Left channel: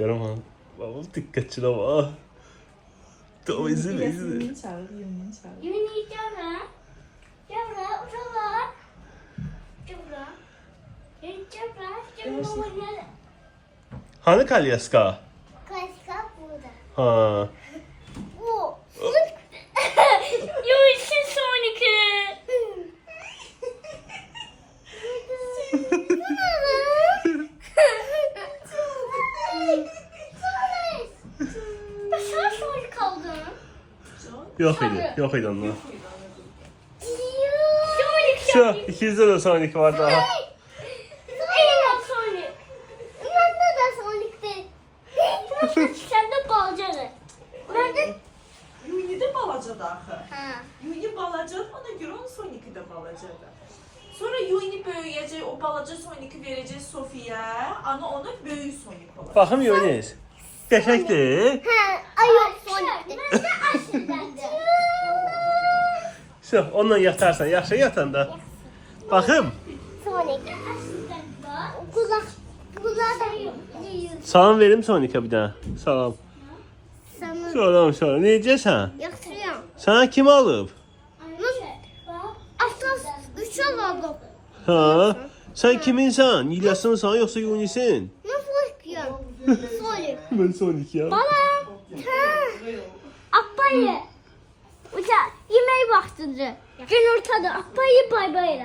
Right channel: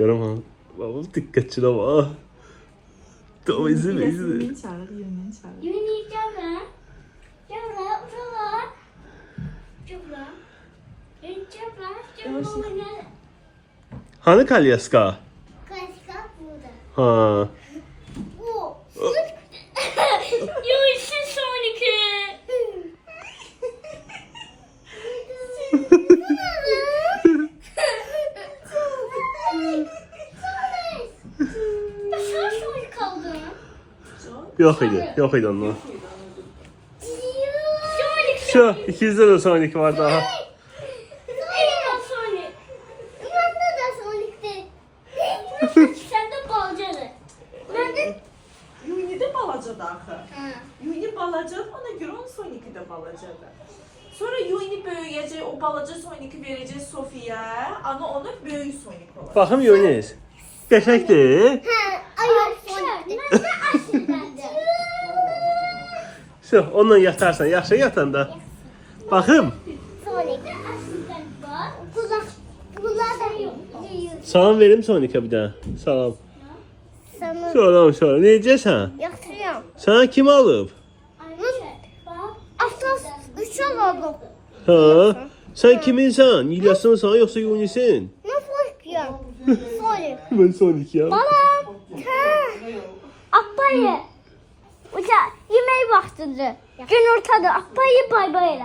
Görəm babam diqqətçi də var. Tamam izin. Yeni çağır. Yuni gel. Gel lan, buraya. Gel lan. Gel lan. Hani Kalyaska? Kaşka burada. Ha. O. Yunus'un sonraki. Sen son kaldın. Yok idi ondan. Sonraki. Şu 200'de de sonraki var daha. Eyvah Sonic. Bende de Sonic'ti. Sen de balacaksın. Nerede? Yuni de balacadır axı. Ha. Yuni balacadır, ona görə onun Sonic'i də balacadır. Sonra Yuni böyüyəcək, o balaca Sonic'i verəcək Sofiyə, ana onu böyük Sonic olacaq. Baxım Yunis. Qəşəngdir. Ha. Ay yok Sonic'ti. Şu onunla yatarsan, yaxşı yatanda. Baxım. Sonic. Kulak da yiyor. Salam verim Sonic'e bir daha. Salam. Sana Salam. Necəsən? yaxşıyam. Sana kim alıb? Aslas 3 alalım. Ha? Sen kiminsən? İlyas'ınsan yoxsa Yunis'in? Ne farkıyam? Sonic. Ben Sonic ya. Balam. Ha. Apayı. Uca yemeği vaxtıdır. Gün ortadır. Apayı bay bay.